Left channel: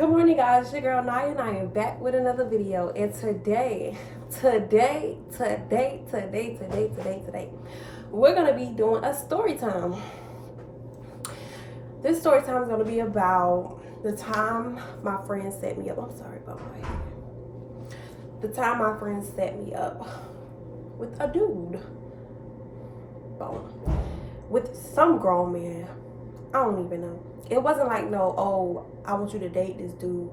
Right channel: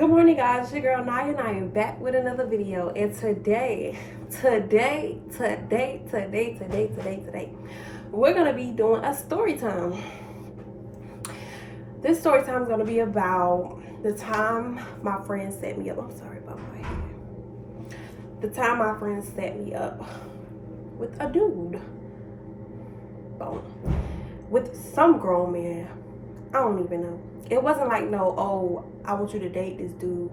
Good morning, guys. It's your girl Naya, and I am back with another video. And today, we're gonna be doing a story time. This story time is gonna be about the time my friend set me up. I'm sorry about my hair. The time my friend set me up with a dude. With some grown man. I don't even know. It wasn't like, no, oh, I want you to date this dude,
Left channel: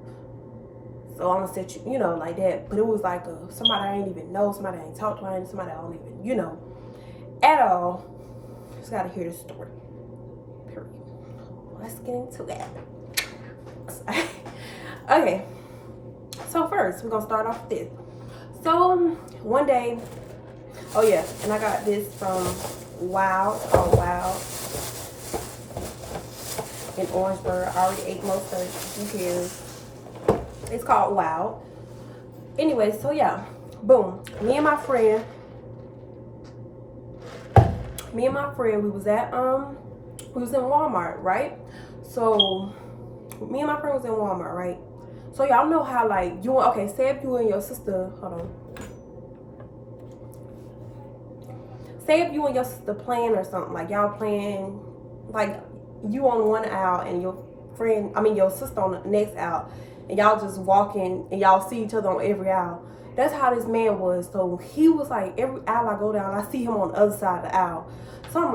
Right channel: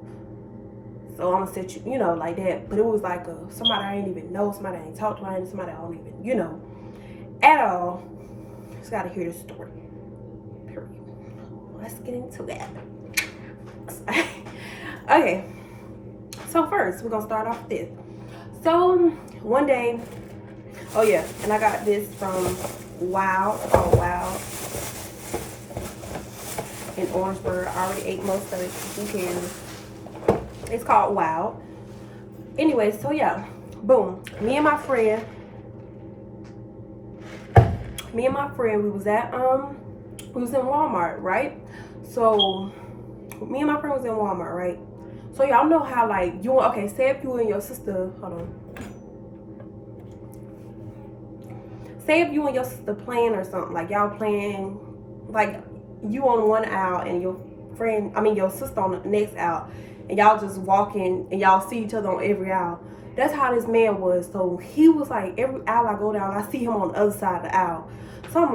so I'm gonna set you, you know, like that. But it was like somebody I ain't even know, somebody I ain't talked to, somebody I don't even, you know, at all. Just gotta hear the story. Period. Let's get into that. Okay. So first, we're gonna start off with this. So one day, oh yeah, and I got this from Wow. Oh Wow. In Orangeburg. I already ate most of it. Who cares? It's called Wow. Anyway, so yeah, boom. Me and my friend, we was at we was in Walmart, right? So me and my friend was in Walmart, right? So y'all know how, like, you, okay, say if you and your sister, hold on. Say if you and your sister playing or something, like y'all playing, like you on one aisle and your sister on the next aisle, and y'all just walking and y'all see each other on every aisle. That's how this man was. So he was like, every aisle I go down, I see him on the other side of the aisle. So I'm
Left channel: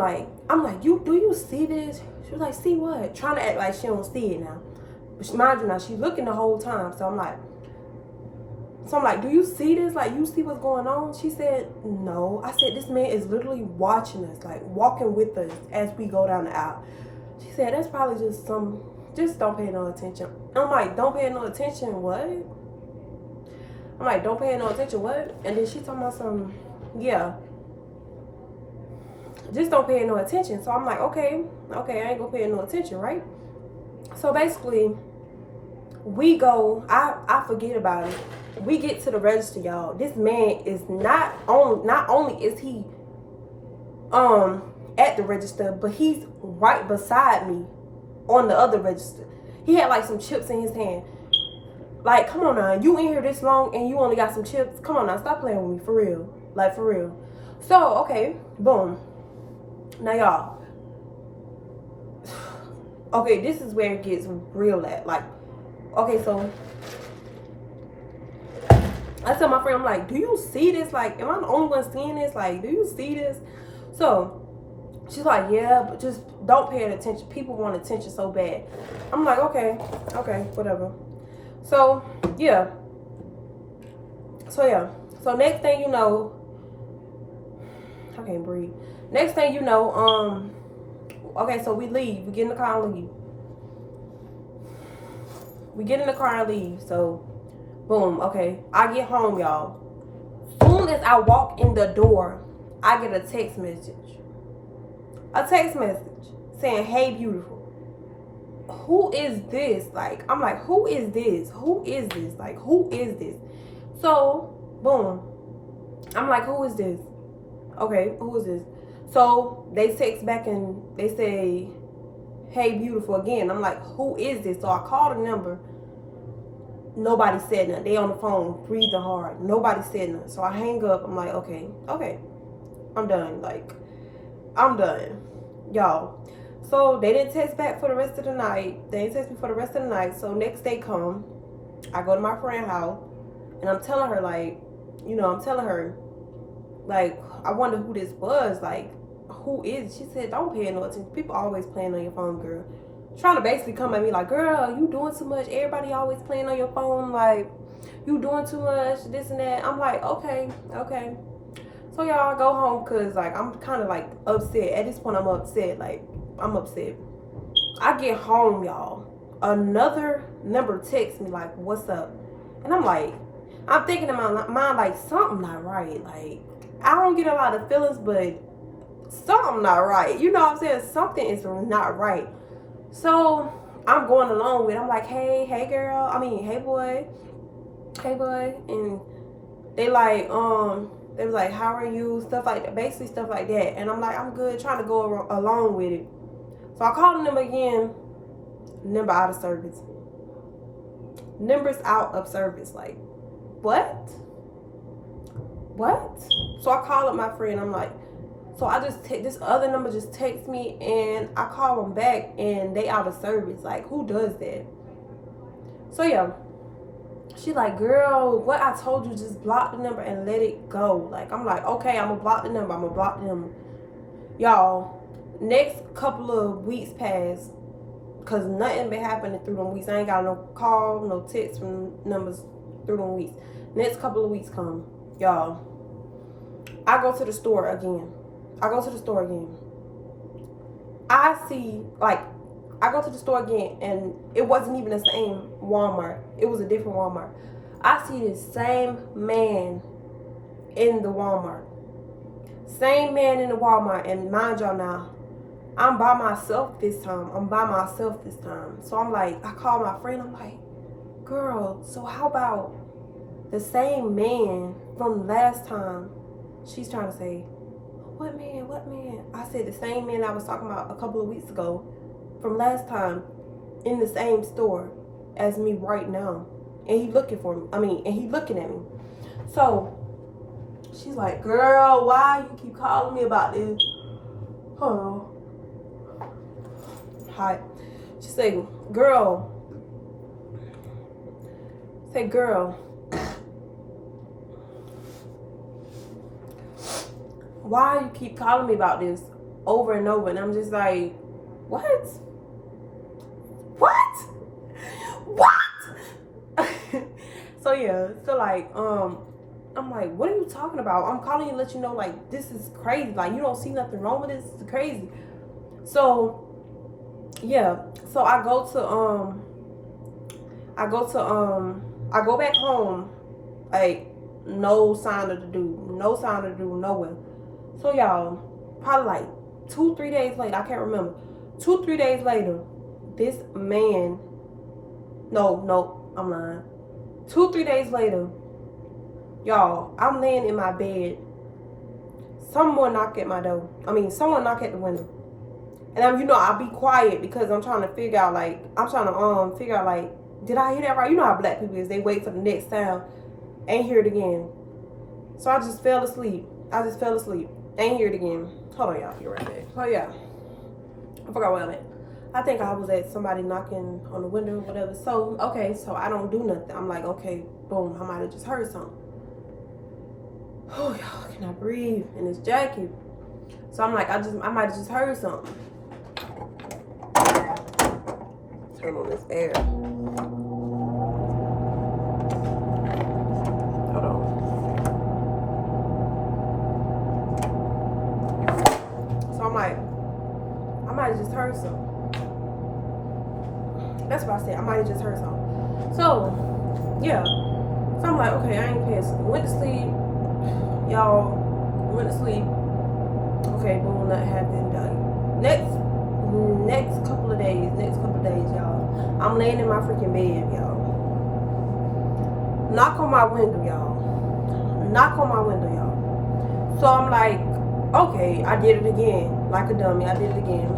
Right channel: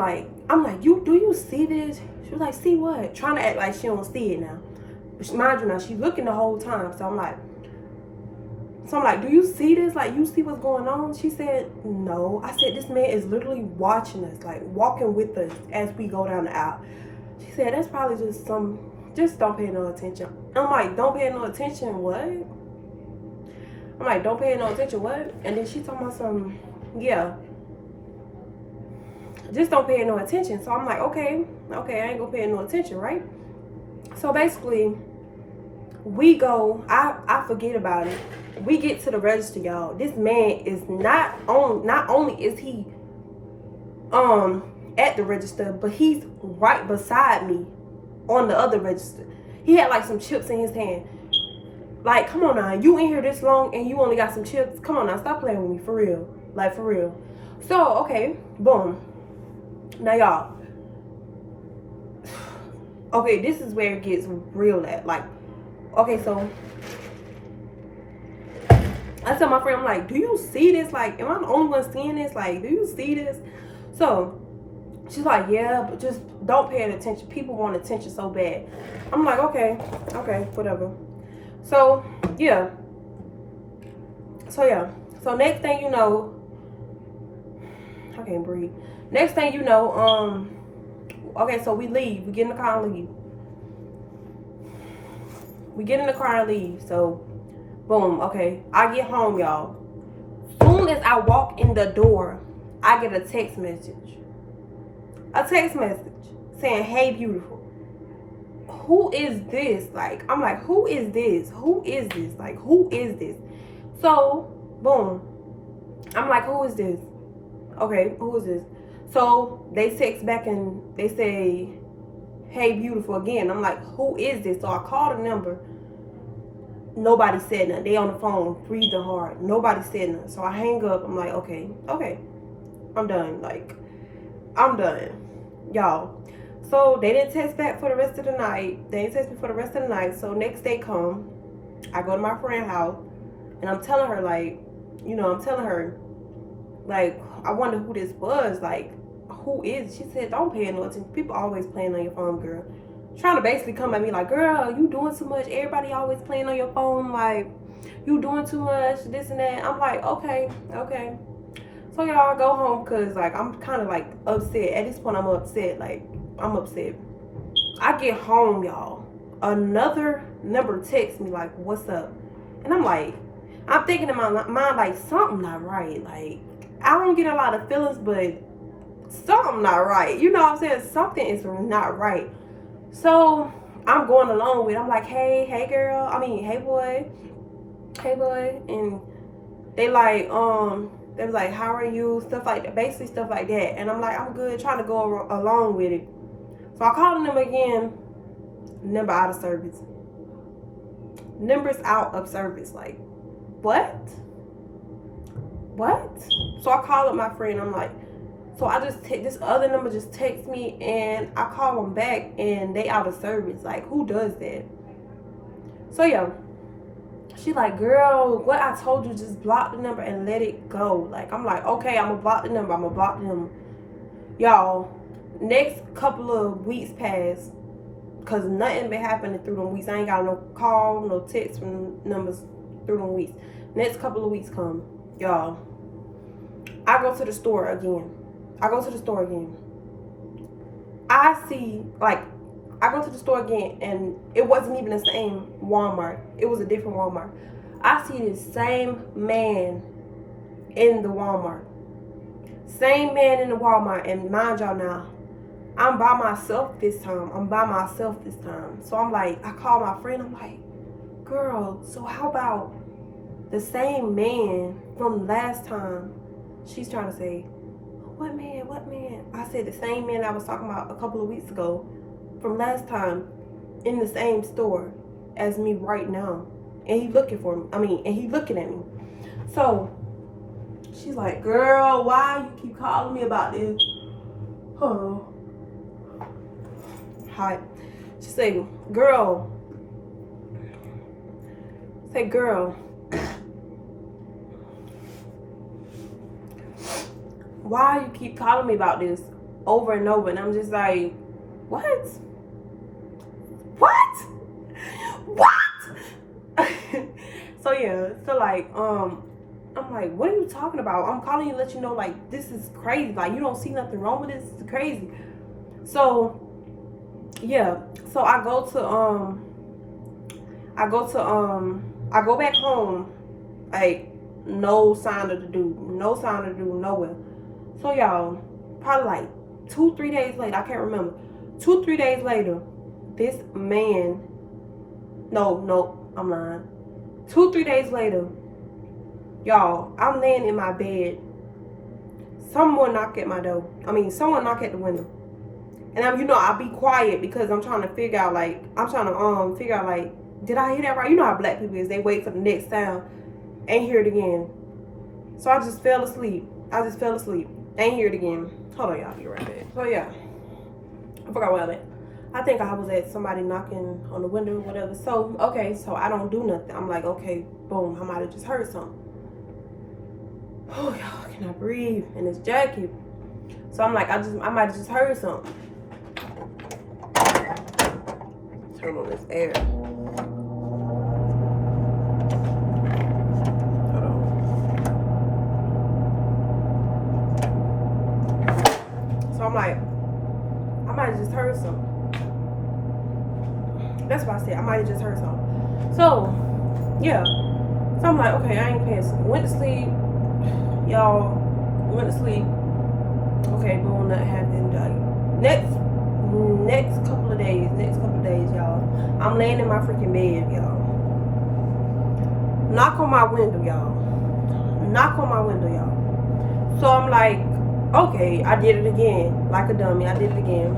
like, do you see this? She was like, see what? Trying to act like she don't see it now. But mind you, now she's looking the whole time. So I'm like, do you see this? Like, you see what's going on? She said, no. I said, this man is literally watching us, like walking with us as we go down the aisle. She said, that's probably just don't pay no attention. I'm like, don't pay no attention, what? I'm like, don't pay no attention, what? And then she talking about some, yeah, just don't pay no attention. So I'm like, okay, I ain't gonna pay no attention, right? So basically, we go, I forget about it. We get to the register, y'all. This man is not only is he at the register, but he's right beside me on the other register. He had like some chips in his hand. Like, come on now, you in here this long and you only got some chips? Come on now, stop playing with me, for real. Like, for real. So, okay, boom. Now, y'all. Okay, this is where it gets real at. Like, okay, so I tell my friend, I'm like, do you see this? Like, am I the only one seeing this? Like, do you see this? So she's like, yeah, but just don't pay attention. People want attention so bad. I'm like, okay, whatever. So yeah. So next thing you know, I can't breathe. Next thing you know, okay, so we leave. We get in the car and leave. So boom, okay. I get home, y'all. Soon as I walk in the door, I get a text message. Saying, hey, beautiful. Who is this? Like, I'm like, who is this? Like, who is this? So, boom. I'm like, who is this? Okay, who is this? So they text back and they say, hey, beautiful, again. I'm like, who is this? So I called the number. Nobody said nothing. They on the phone breathing hard. Nobody said nothing. So I hang up. I'm like, okay, I'm done. Like, I'm done, y'all. So they didn't text back for the rest of the night. So next day come, I go to my friend's house, and I'm telling her, like, like, I wonder who this was. Like, who is? She said, don't pay no attention. People always playing on your phone, girl. Trying to basically come at me like, girl, you doing too much. Everybody always playing on your phone. Like, you doing too much, this and that. I'm like, okay. So y'all, go home because, like, I'm kind of, like, upset. At this point, I'm upset. Like, I'm upset. I get home, y'all. Another number texts me, like, what's up? And I'm like, I'm thinking in my mind, like, something not right. Like, I don't get a lot of feelings, but something not right. You know what I'm saying? Something is not right. So I'm going along with it. I'm like, hey girl. Hey boy. And they like, they was like, how are you? Stuff like that. Basically stuff like that. And I'm like, I'm good, trying to go along with it. So I called them again. Number out of service. Numbers out of service. Like, what? So I call up my friend. I'm like, so I just take this other number, just text me, and I call them back and they out of service. Like, who does that? So yeah, she like, girl, what I told you, just block the number and let it go. Like, I'm like, okay, I'm gonna block the number. Y'all, next couple of weeks pass, cause nothing been happening through them weeks. I ain't got no call, no text from numbers through them weeks. Next couple of weeks come, y'all, I go to the store again. I see, like, I go to the store again, and it wasn't even the same Walmart. It was a different Walmart. I see this same man in the Walmart. And mind y'all now, I'm by myself this time. So I'm like, I call my friend. I'm like, girl, so how about the same man from last time? She's trying to say, what man? I said the same man I was talking about a couple of weeks ago from last time in the same store as me right now. And he looking for me. And he looking at me. So she's like, girl, why you keep calling me about this? Hold on. Hi. She say, girl. Why you keep calling me about this over and over? And I'm just like, what? So yeah, so like, I'm like, what are you talking about? I'm calling you to let you know, like, this is crazy. Like, you don't see nothing wrong with this. It's crazy. So yeah, so I go back home, like, no sign of the dude nowhere. So y'all, probably like 2-3 days later, I can't remember. 2-3 days later, this man, no, I'm lying. 2-3 days later, y'all, I'm laying in my bed. Someone knock at my door. Someone knock at the window. And I'll be quiet because I'm trying to figure out, like, did I hear that right? You know how black people is. They wait for the next sound. Ain't hear it again. So I just fell asleep. Ain't hear it again. Hold on, y'all. Be right back. So yeah, I forgot where I'm at. I think I was at somebody knocking on the window or whatever. So, okay, so I don't do nothing. I'm like, okay, boom, I might have just heard something. Oh, y'all, can I breathe in this jacket? So I'm like, I might have just heard something. Turn on this air. Hold on. So I'm like, I might have just heard something. That's what I said. I might have just heard something. So, yeah. So I'm like, okay, I ain't paying. Went to sleep. Y'all, went to sleep. Okay, boom, that happened. Next couple of days, y'all. I'm laying in my freaking bed, y'all. Knock on my window, y'all. So I'm like, okay, I did it again. Like a dummy, I did it again.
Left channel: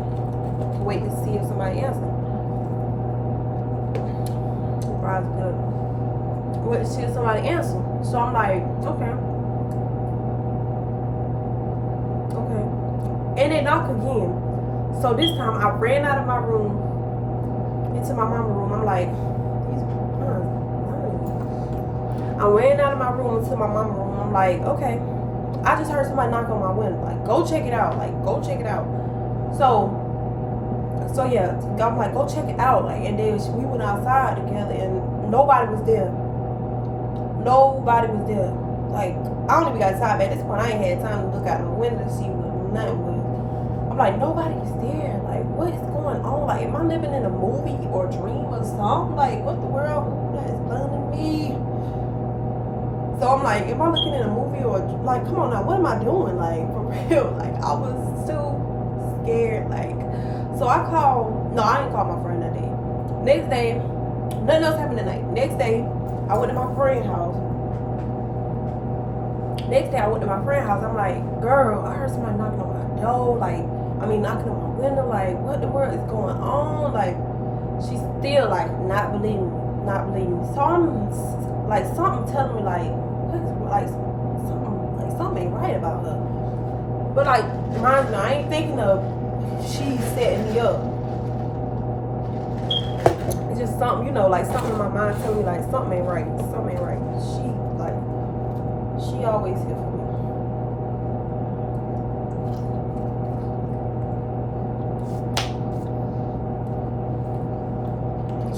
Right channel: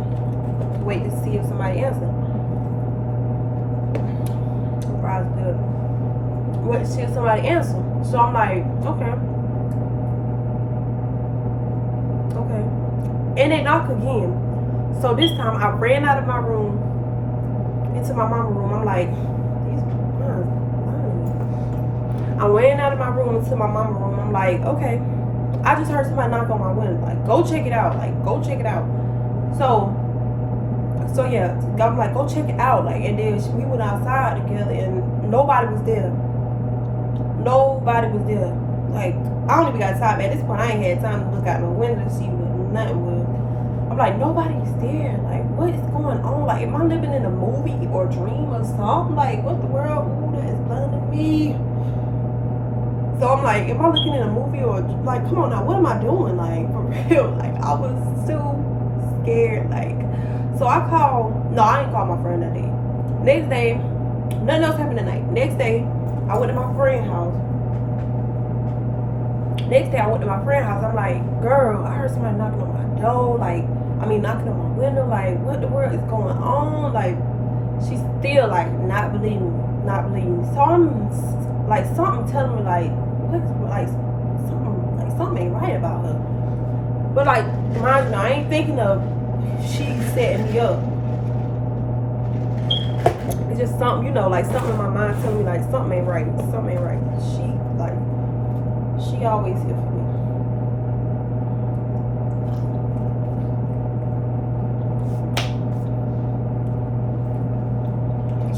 Wait to see if somebody answered. Surprise, good. Wait to see if somebody answered. So I'm like, okay. And they knock again. So this time I ran out of my room into my mama's room. I'm like, I ran out of my room into my mama's room. I'm like, okay, I just heard somebody knock on my window. Like, go check it out. So yeah, I'm like, go check it out. Like, and then we went outside together and nobody was there. Like, I don't even got outside. At this point, I ain't had time to look out the window to see what nothing was. I'm like, nobody's there. Like, what is going on? Like, am I living in a movie or dream or something? Like, what the world? Ooh, that is blinding me. So I'm like, am I looking in a movie or, like, come on now, what am I doing? Like, for real. Like, I was so scared. Like, so I didn't call my friend that day. Next day, nothing else happened that night. Next day, I went to my friend's house. I'm like, girl, I heard somebody knocking on my door. Like, knocking on my window. Like, what the world is going on? Like, she's still, like, not believing me. not believe me. So I'm like, something telling me like, something ain't right about her. But like, mind you, I ain't thinking of she setting me up. It's just something, you know, like something in my mind telling me like something ain't right. Something ain't right. She always here for me.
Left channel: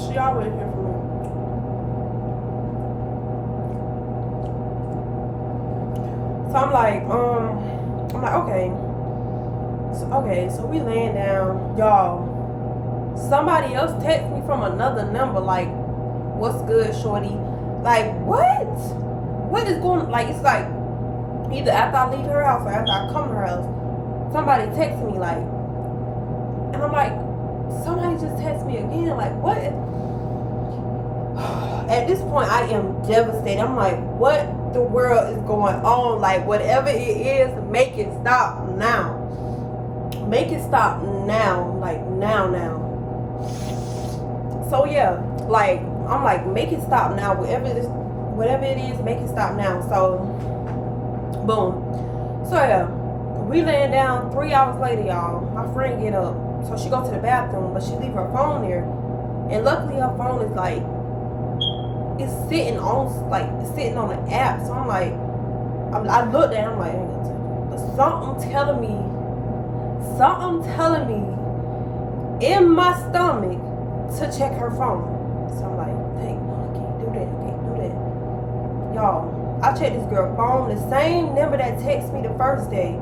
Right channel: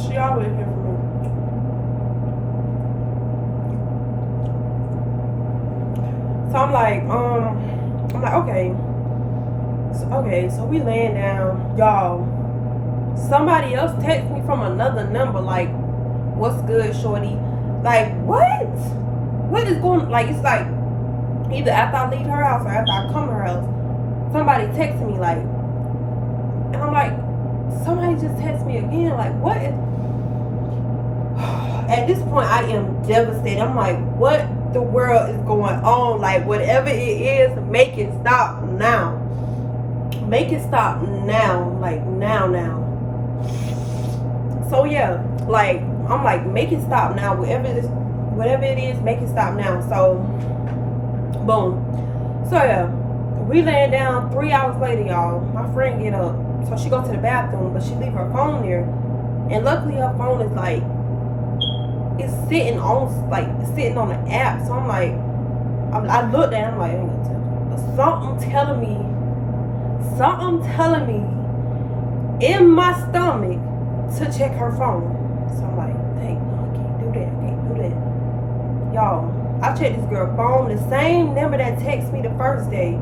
She always here for me. So I'm like, okay. So we laying down, y'all. Somebody else text me from another number, like, what's good, shorty? Like, what? What is going, like, it's like, either after I leave her house or after I come to her house, somebody texting me, like, and I'm like, somebody just texted me again, like, what? At this point, I am devastated. I'm like, what the world is going on? Like, whatever it is, make it stop now. Make it stop now. Like, now. So yeah, like, I'm like, make it stop now. Whatever it is, make it stop now. So boom. So yeah, we laying down. 3 hours later, y'all, my friend get up. So she go to the bathroom, but she leave her phone there. And luckily her phone is like, it's sitting on the app. So I'm like, I looked at it, I'm like, I ain't gonna tell you. But something telling me in my stomach to check her phone. So I'm like, hey, no, I can't do that. Y'all, I checked this girl's phone. The same number that texted me the first day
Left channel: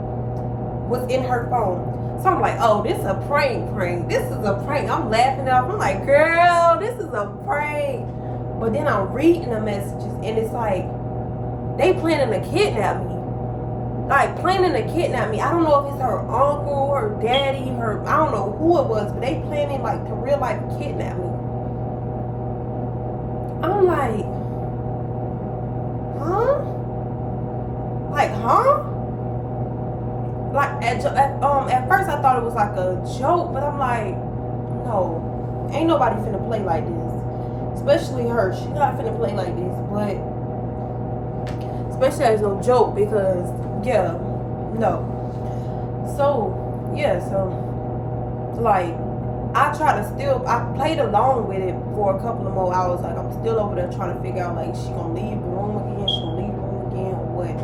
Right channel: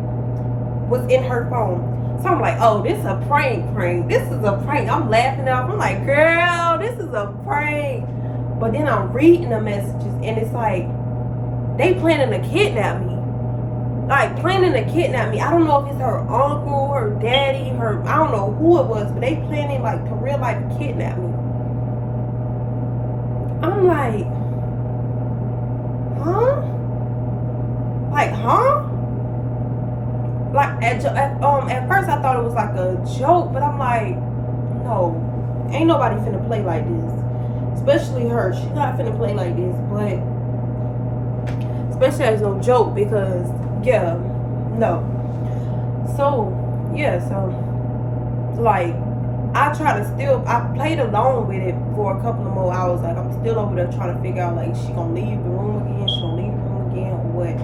was in her phone. So I'm like, oh, this is a prank. This is a prank. I'm laughing off. I'm like, girl, this is a prank. But then I'm reading the messages, and it's like, they planning to kidnap me. Like, planning to kidnap me. I don't know if it's her uncle, her daddy, I don't know who it was, but they planning, like, to real life kidnap me. I'm like, huh? Like, huh? Like, at first I thought it was like a joke, but I'm like, no, ain't nobody finna play like this. Especially her. She's not finna play like this, but especially as no joke, because yeah, no. So yeah, so like, I played along with it for a couple of more hours. Like, I'm still over there trying to figure out, like, she gonna leave the room again, or what.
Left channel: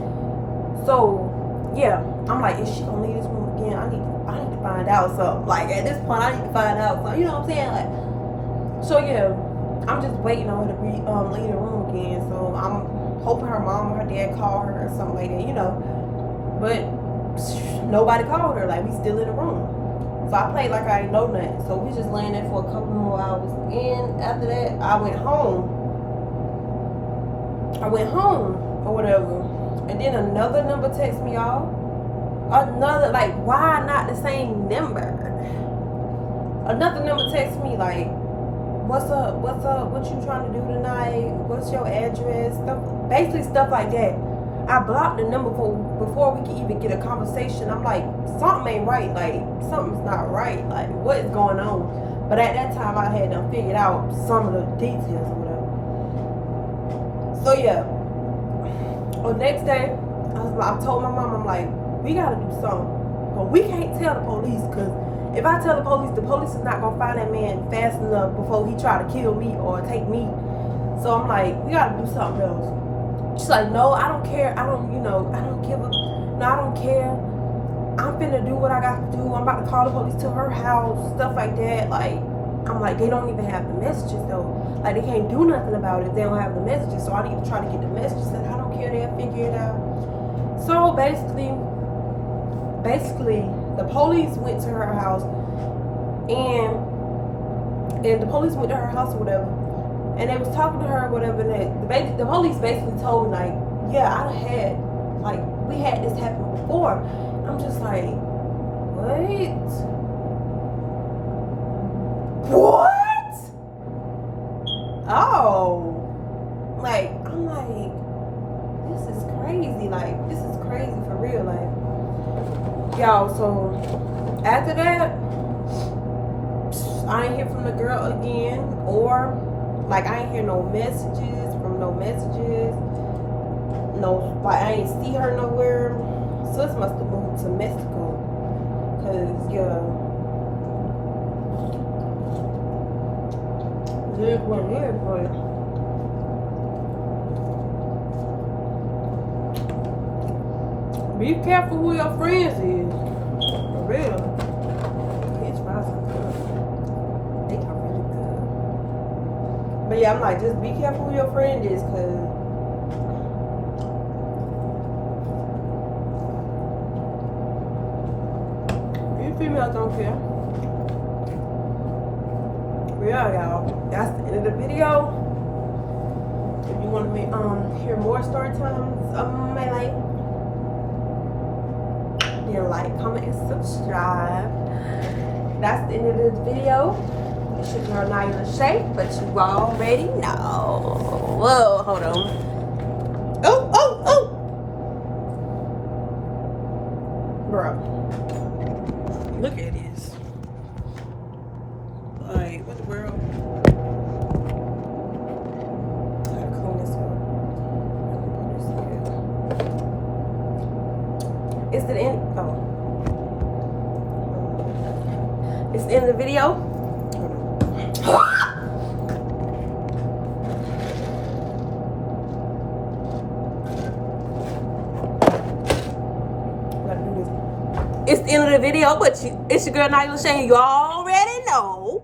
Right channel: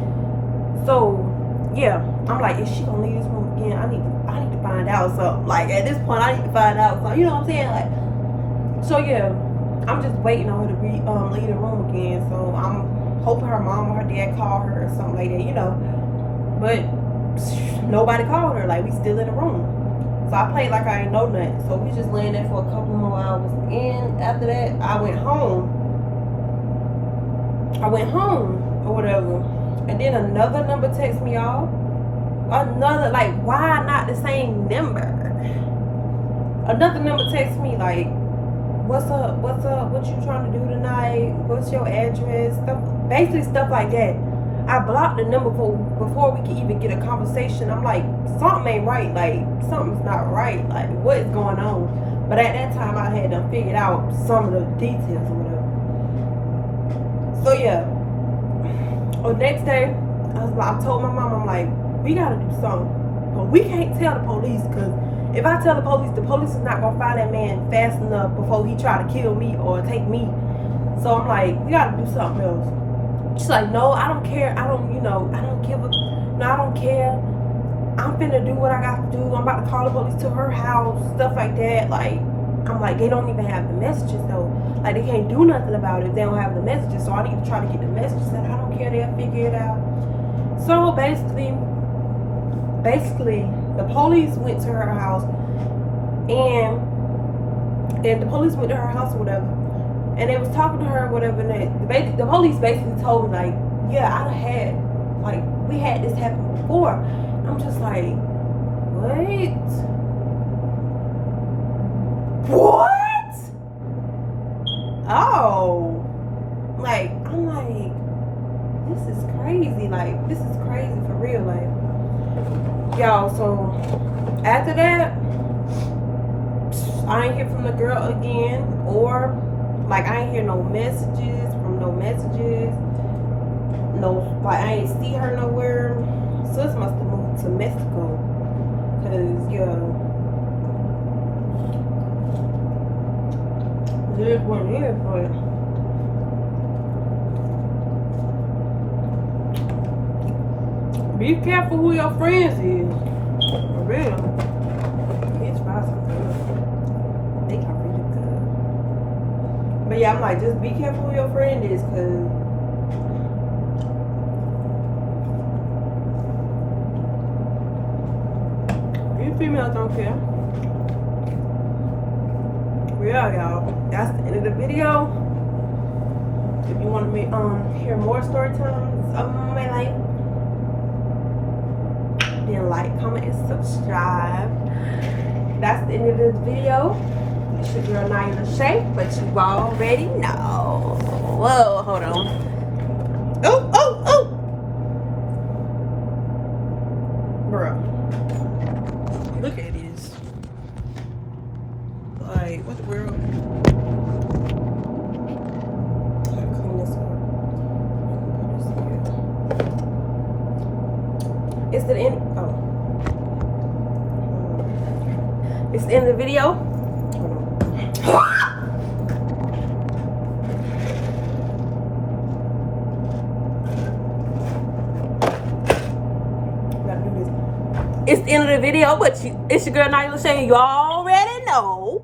So yeah, I'm like, is she gonna leave this room again? I need to find out something. Like, at this point, I need to find out something. You know what I'm saying? Like, so yeah, I'm just waiting on her to leave the room again. So I'm hoping her mom or her dad call her or something like that, you know. But nobody called her. Like, we still in the room. So I played like I ain't know nothing. So we just laying there for a couple more hours. And after that, I went home or whatever. And then another number texts me, y'all. Another, like, why not the same number? Another number texts me, like, what's up, what you trying to do tonight, what's your address, basically stuff like that. I blocked the number before we could even get a conversation. I'm like, something ain't right, like, something's not right, like, what is going on? But at that time, I had done figured out some of the details or whatever. So yeah, the next day, I told my mom, I'm like, we gotta do something, but we can't tell the police, because if I tell the police is not gonna find that man fast enough before he try to kill me or take me. So I'm like, we gotta do something else. She's like, no, I don't care. I don't care. I'm finna do what I got to do. I'm about to call the police to her house, stuff like that. Like, I'm like, they don't even have the messages though. Like, they can't do nothing about it if they don't have the messages. So I need to try to get the messages. And I don't care. They'll figure it out. So basically, the police went to her house, and the police went to her house or whatever, and they was talking to her or whatever, and the police basically told me, like, yeah, we had this happen before. I'm just like, what? Oh, like, I'm like, this is crazy. Like, this is crazy for real, like. Y'all, so after that, I ain't hear from the girl again or Like, I ain't hear no messages from no messages. No, like, I ain't see her nowhere. Sis must have moved to Mexico. Cause, yeah. It is what it is, but be careful who your friends is. For real. His fries are good. They are really good. But yeah, I'm like, just be careful who your friend is, cause you females don't care. Yeah, y'all. That's the end of the video. If you want to hear more story times of my life, then like, comment, and subscribe. That's the end of this video. It's your girl Nyla Shay, but you already know. Whoa, hold on. Oh, oh, oh. Bro. Look at this. Like, what the world? I gotta clean this up. It's the end. Oh. It's the end of the video. Hold on. Gotta do this. It's the end of the video, but it's your girl Nyla Shay. You already know.